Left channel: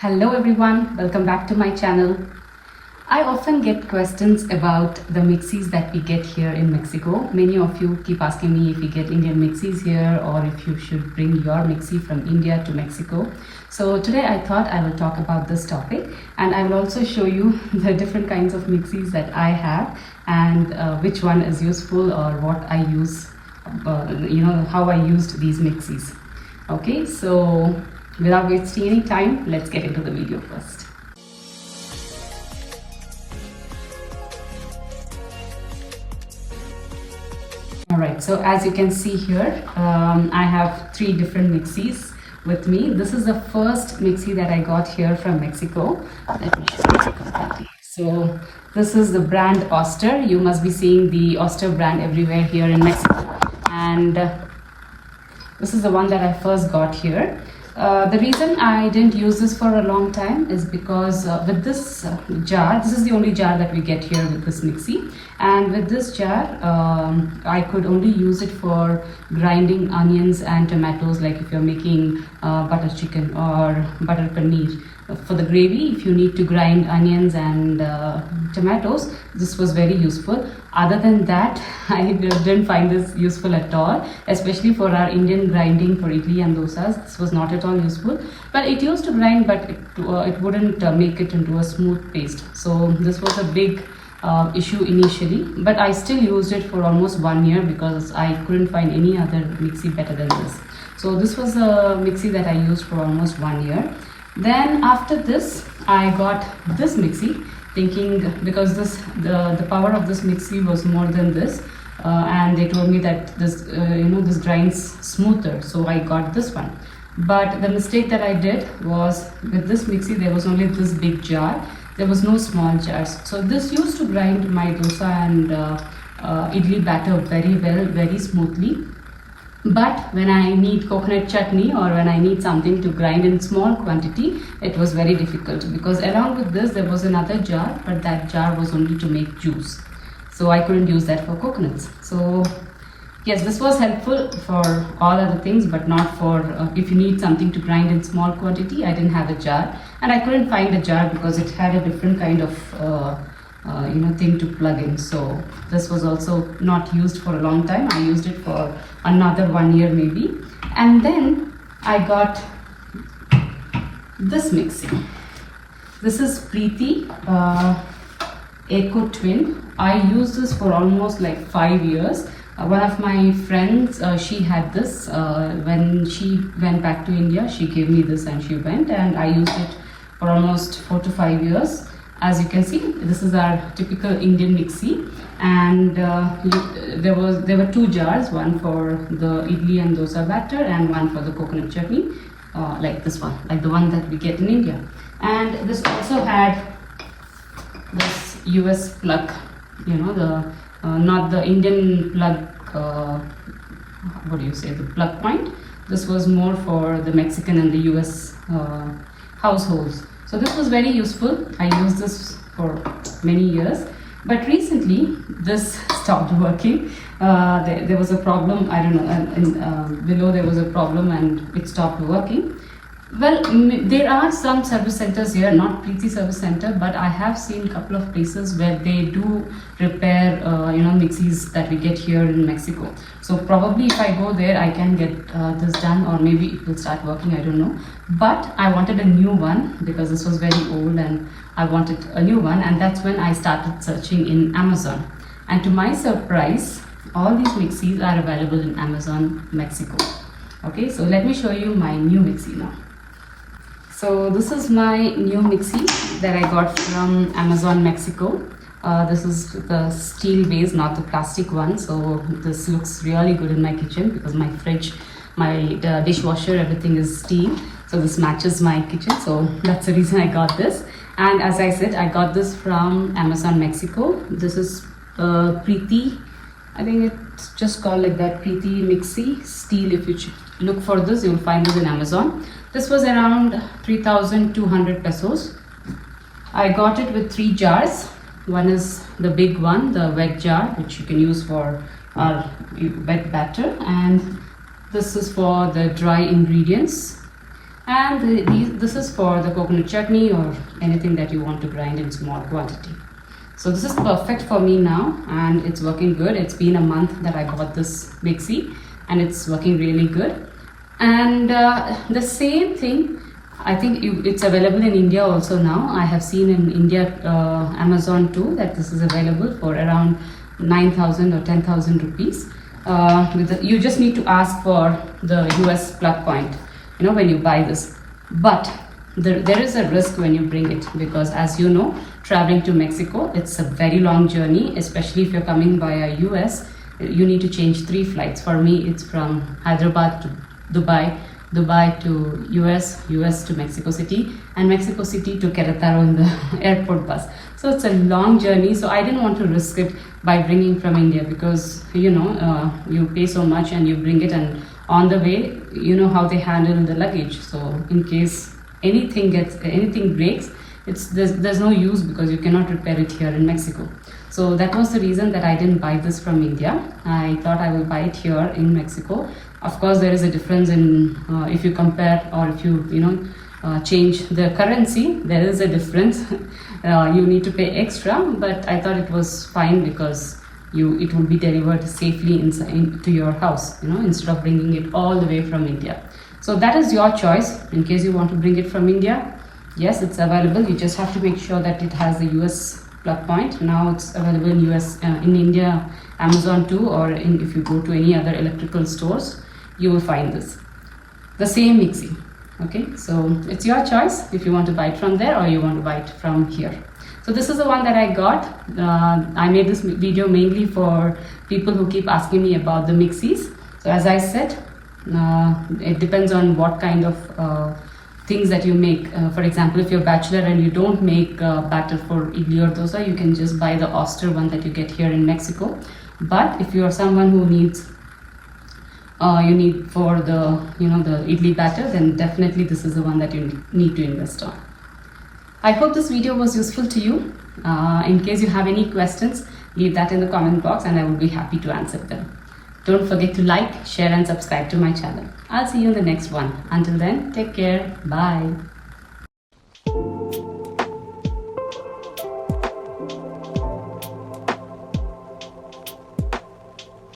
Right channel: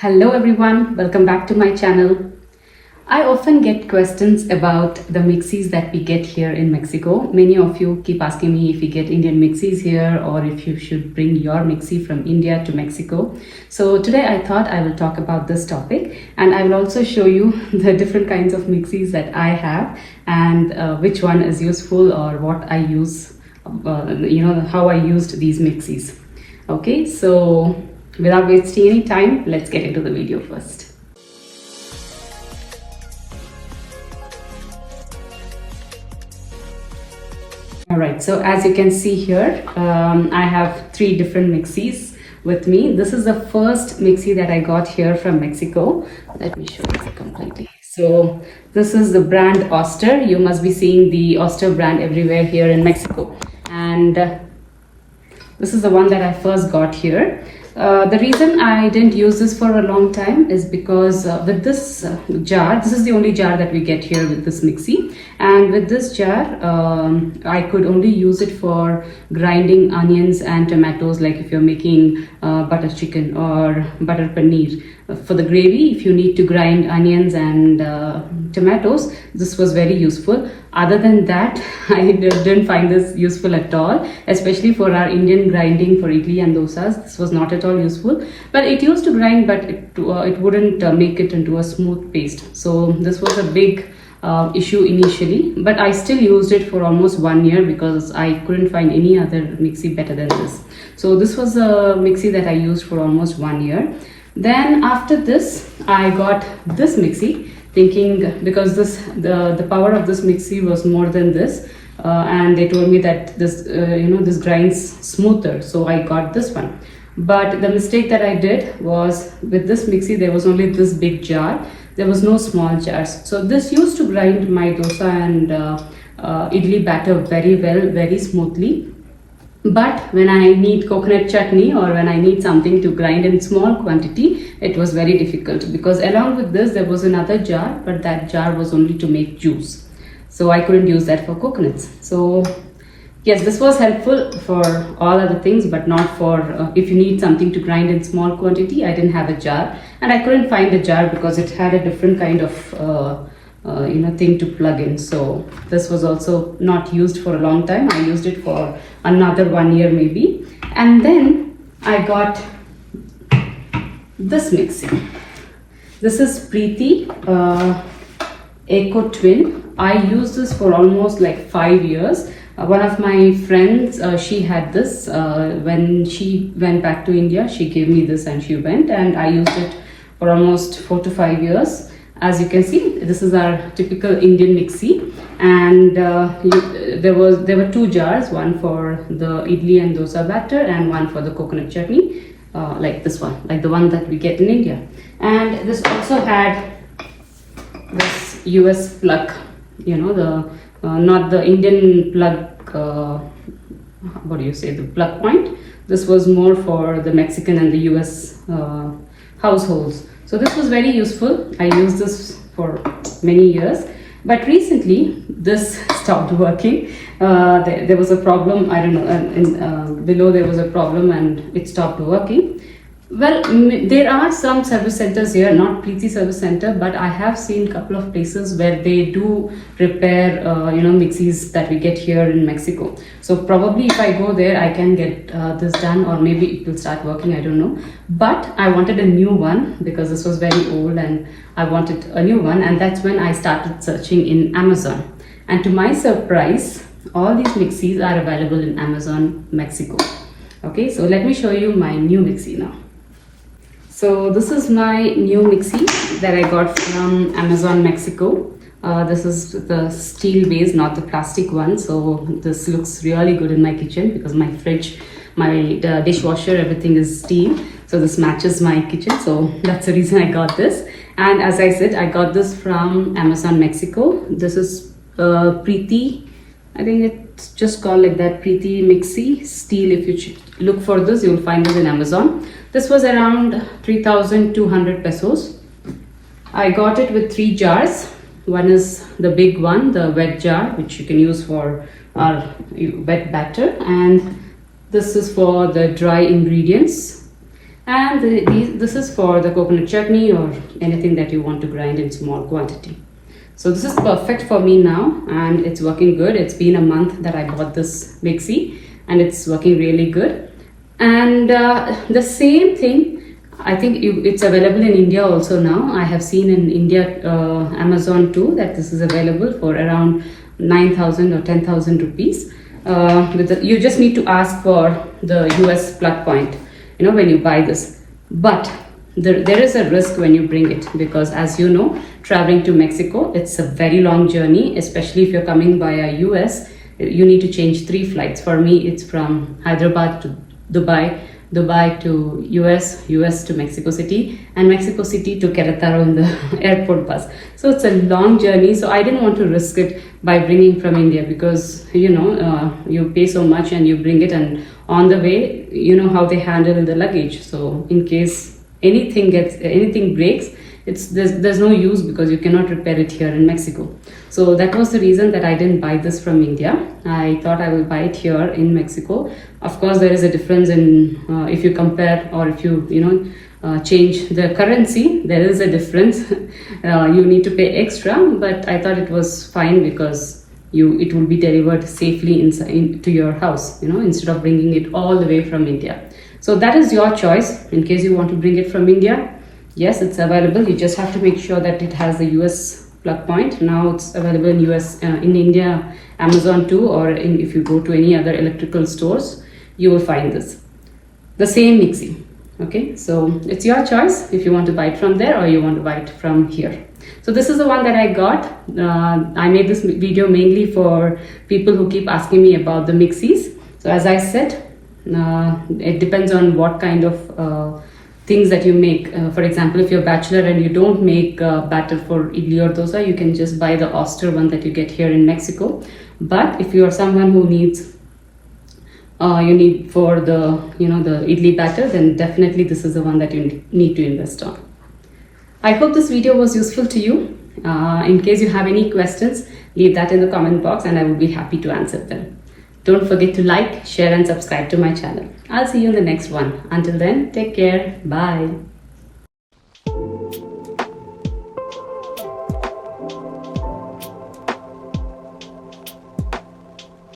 Hello everyone, welcome back to my channel. I often get questions about the mixies that we get here in Mexico. Many of you keep asking me if we get Indian mixies here or if you should bring your mixie from India to Mexico. So today I thought I will talk about this topic, and I will also show you the different kinds of mixies that I have and which one is useful or what I use, how I used these mixies. Okay, so without wasting any time, let's get into the video first. Alright, so as you can see here, I have three different mixies with me. This is the first mixie that I got here from Mexico. Let me show you completely. So this is the brand Oster. You must be seeing the Oster brand everywhere here in Mexico. And this is the one that I first got here. The reason I didn't use this for a long time is because with this jar, this is the only jar that we get here with this mixie, and with this jar I could only use it for grinding onions and tomatoes, like if you're making butter chicken or butter paneer. For the gravy, if you need to grind onions and tomatoes, this was very useful. Other than that, I didn't find this useful at all, especially for our Indian grinding for idli and dosas. This was not at all useful, but it used to grind, but it wouldn't make it into a smooth paste. So this was a big issue initially, but I still used it for almost 1 year because I couldn't find any other mixie better than this. So this was a mixie that I used for almost 1 year. Then after this, I got this mixie, thinking because the power of this mixie was more than this, and they told me that this this grinds smoother, so I got this one. But the mistake that I did was, with this mixie there was only this big jar, there was no small jars. So this used to grind my dosa and idli batter very well, very smoothly. But when I need coconut chutney or when I need something to grind in small quantity, it was very difficult, because along with this there was another jar, but that jar was only to make juice. So I couldn't use that for coconuts. So yes, this was helpful for all other things, but not for if you need something to grind in small quantity. I didn't have a jar, and I couldn't find a jar because it had a different kind of thing to plug in. So this was also not used for a long time. I used it for another 1 year maybe, and then I got this mixie. This is Preeti Eco Twin. I used this for almost like 5 years. One of my friends, she had this when she went back to India. She gave me this and she went, and I used it for almost 4 to 5 years. As you can see, this is our typical Indian mixie, and there were two jars, one for the idli and dosa batter and one for the coconut chutney, like this one, like the one that we get in India. And this also had this US plug, the not the Indian plug, what do you say, the plug point. This was more for the Mexican and the US households. So this was very useful. I used this for many years, but recently this stopped working. There was a problem, I don't know, below there was a problem and it stopped working. Well, there are some service centers here, not Preeti service center, but I have seen a couple of places where they do repair mixies that we get here in Mexico. So probably if I go there, I can get this done, or maybe it will start working, I don't know. But I wanted a new one because this was very old and I wanted a new one, and that's when I started searching in Amazon. And to my surprise, all these mixies are available in Amazon Mexico. Okay, so let me show you my new mixie now. So this is my new mixie that I got from Amazon Mexico. This is the steel base, not the plastic one. So this looks really good in my kitchen because my fridge, my dishwasher, everything is steel. So this matches my kitchen. So that's the reason I got this. And as I said, I got this from Amazon Mexico. This is Preeti. I think it's just called like that, Preeti Mixie Steel. If you look for this, you will find it in Amazon. This was around 3,200 pesos. I got it with 3 jars. One is the big one, the wet jar, which you can use for our wet batter, and this is for the dry ingredients. And this is for the coconut chutney or anything that you want to grind in small quantity. So this is perfect for me now, and it's working good. It's been a month that I bought this mixie and it's working really good. And the same thing, I think it's available in India also now. I have seen in India, Amazon too, that this is available for around 9,000 or 10,000 rupees. You just need to ask for the US plug point, when you buy this. But there is a risk when you bring it, because as you know, traveling to Mexico, it's a very long journey, especially if you're coming via US. You need to change 3 flights. For me, it's from Hyderabad to Dubai, Dubai to US, US to Mexico City, and Mexico City to Querétaro in the airport bus. So it's a long journey. So I didn't want to risk it by bringing from India, because you pay so much and you bring it, and on the way, you know how they handle the luggage. So in case anything breaks, there's no use, because you cannot repair it here in Mexico. So that was the reason that I didn't buy this from India. I thought I will buy it here in Mexico. Of course, there is a difference in if you compare, or if you change the currency, there is a difference. You need to pay extra, but I thought it was fine, because it will be delivered safely to your house, instead of bringing it all the way from India. So that is your choice. In case you want to bring it from India, yes, it's available. You just have to make sure that it has the US plug point. Now it's available in India, Amazon too, or if you go to any other electrical stores, you will find this. The same mixie. Okay, so it's your choice if you want to buy it from there or you want to buy it from here. So this is the one that I got. I made this video mainly for people who keep asking me about the mixies. So as I said, it depends on what kind of things that you make. For example, if you're a bachelor and you don't make batter for idli or dosa, you can just buy the oyster one that you get here in Mexico. But if you are someone who needs for the the idli batter, then definitely this is the one that you need to invest on. I hope this video was useful to you. In case you have any questions, leave that in the comment box and I will be happy to answer them. Don't forget to like, share and subscribe to my channel. I'll see you in the next one. Until then, take care. Bye.